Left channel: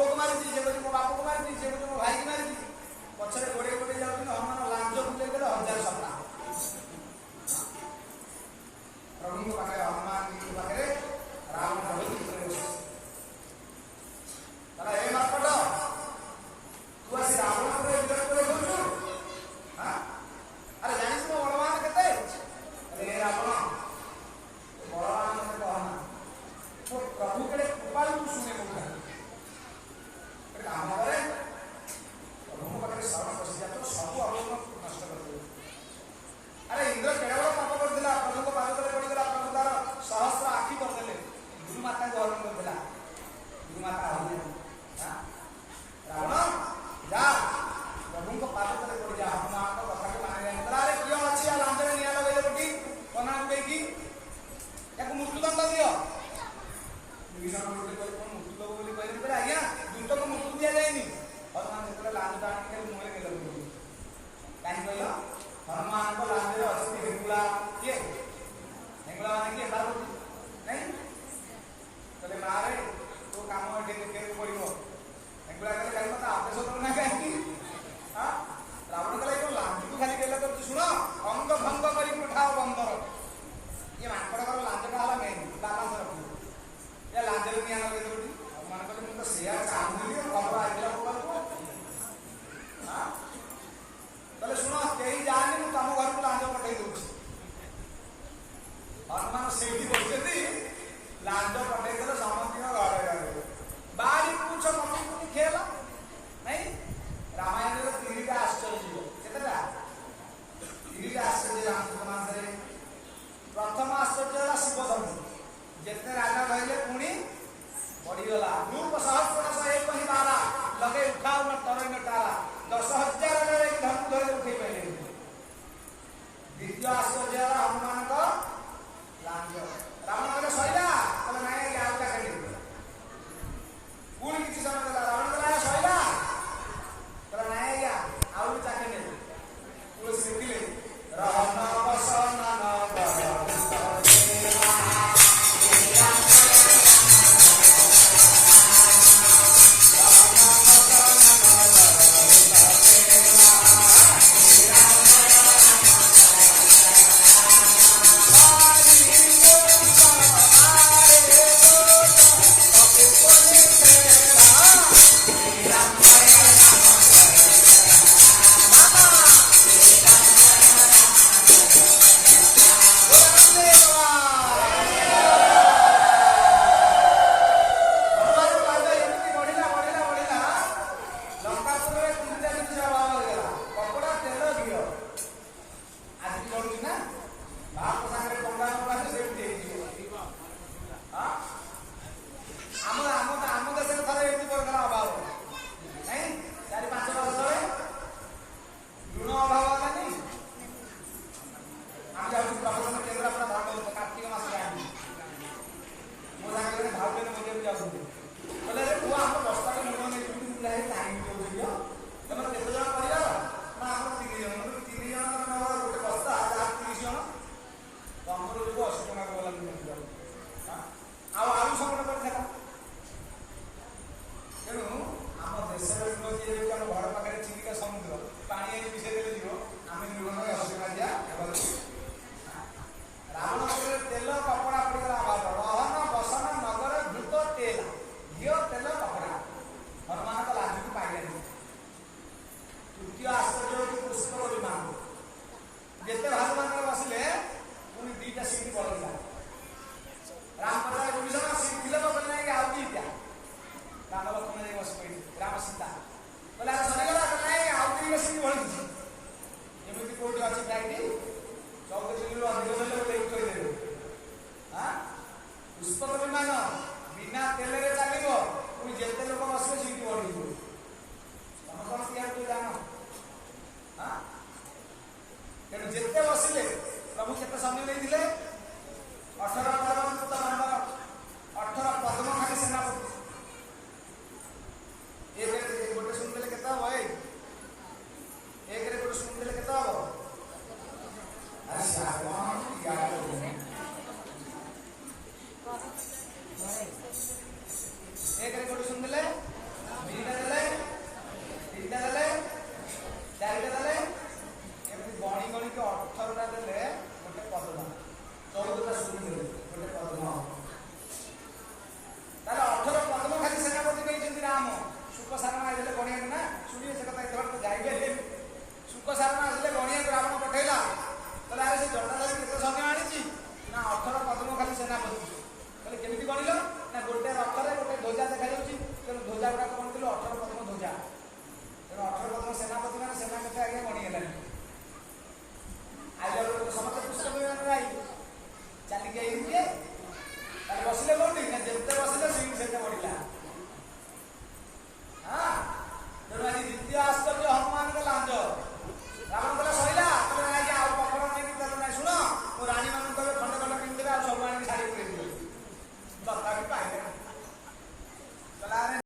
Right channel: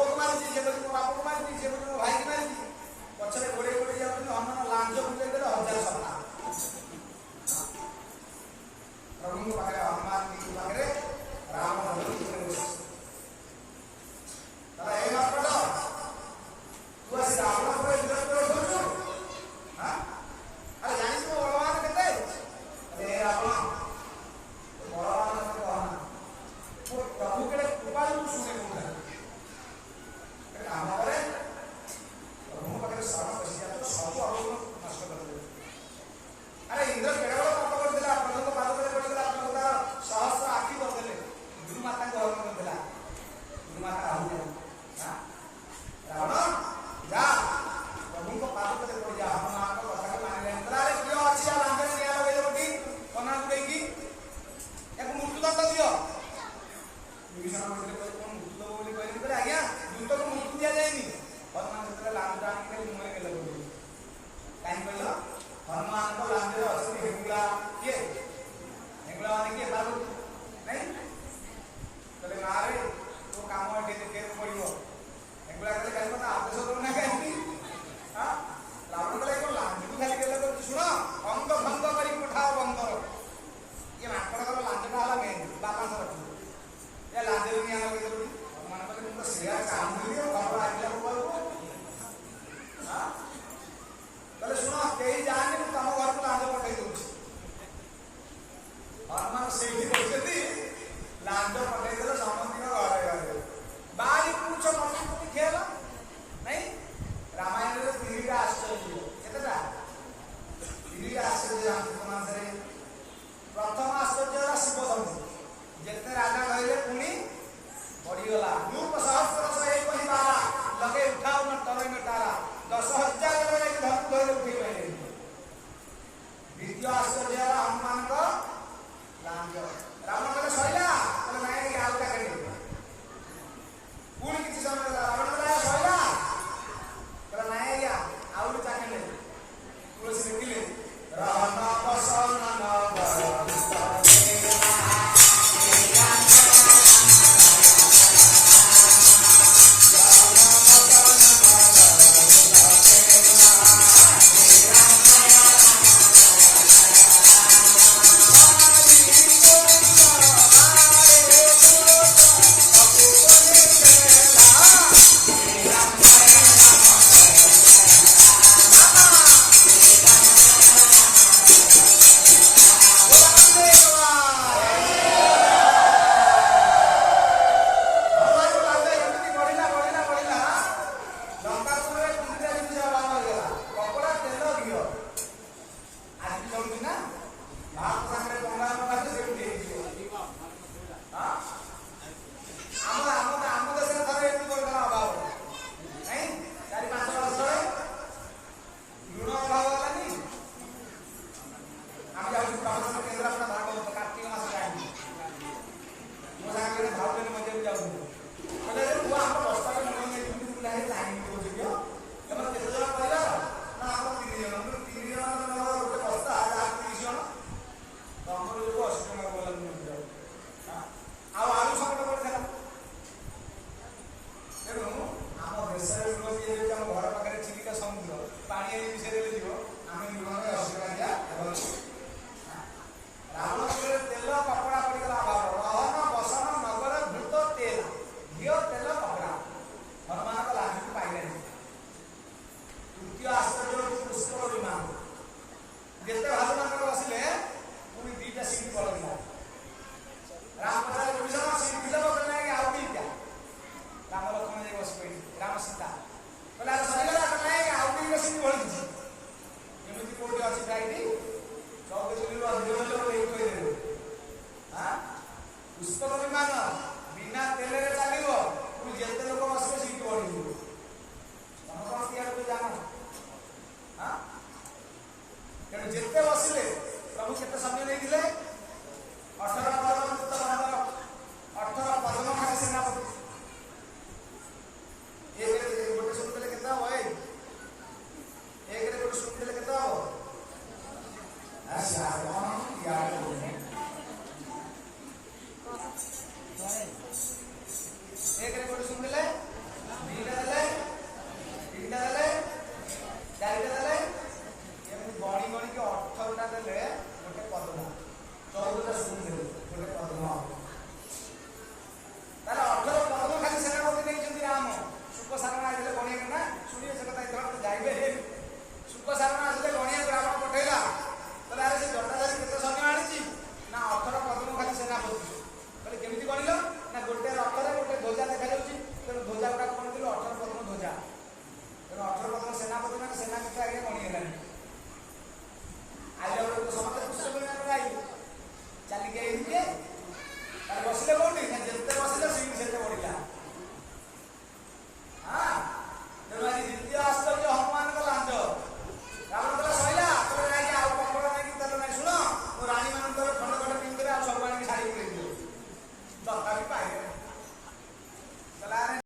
पुओ को मारी से को मो बाप को मारी से को मो भाई की मारी पछरे गोड़े गोड़े जाउछन हनुमान लांज बुले गेले 1000 सपना प्रभु को पाखरे हनुमान की पाखरे राम प्रभु की पाखरे तला ए मारपट तू आसी रावण पर विरोध करे कहू हां अरे जानि तू बलवान केते अरे रावण बलवान मते कहना वो प्रभु के कृपा तू सुने को काम करे प्रभु पाखे शरण पशिया तो सब अवगुण नष्ट कर दे अरे इंद्र केड़े बड़ पाप कर दिला प्रभु को पाद तले पड़ी गला प्रभु तार सहस्र आखि कर देले गुरु माता को हरण कर दिला गुरु माता हरण हां रावण जा प्रभु को पाद तले पड़ी जा हनुमान को कथा को माने जानि अरे कियो अछि आ लांजरे निया लगैले बटी कोना गुडे की याको मृत्यु दंड दियो विभीषण कहले तो कोन मृत्यु दब बोली कहले पर आज्ञा दूत को मृत्यु दिया जायनी हनुमान सेतले लांज टाणी के मुहरे गेले बोली काई कहलो हनुमान को लांजरे अछि हेंगुला के हेंगुला माने के पार्वती नहीं कहले मारे तो काम एठे देखे पड़िबो हेंगुला कहले काई मत आदेश दो ना काई हां रावण कहले को लांज को खाली गेले तो सुनो अंग भंग करी पठाओ बंदर ये माकड़ कर लांजटा हला मेन बापा से रखो या लांजरे निया लगे तो हनुमान कहले मु तो सेया चांदली खबर आइला को हां कहले सुनो केही जाने मु तम घर को लांज पठाई दोछि हनुमान सेठी बसती लांज पठाई देलो समंती को घरे घरे बारी पूछो मम्मी को खेला नहीं रामायण रे 3टा आश्चर्य केतटा 3टा आश्चर्य रामायण रे प्रथम आश्चर्य ला शिव धनु जेते राजा कहले पुणी बढ़ी गला रूप सहस्र से एक ही बारा लगे उठाओ न तरई न तारा 10,000 रे धनु धरे उठै पहिले द्वितीय आश्चर्य ला हनुमान को लांज रावण कहले सइला कहले नाही आउटा काटी पुणी किछि समय देला रावण कहले सइला कहले नाही या आउरी चाकंडे तुलसी लिखिले रहन बसन न ଧ୍ୱଜା ଦେଖାଯାଉଛି, ତେଣୁ ଧ୍ୱଜା ଗୁଡାକ କଣ ଥିଲୁ 18 ପଦ୍ମ ଧ୍ୱଜା। ତେଣୁ 18 ପଦ୍ମ ସେନାପତି ମାନେ ସେନା କେତେ ଆଜ୍ଞା ଗଣି ହେଲାଣି।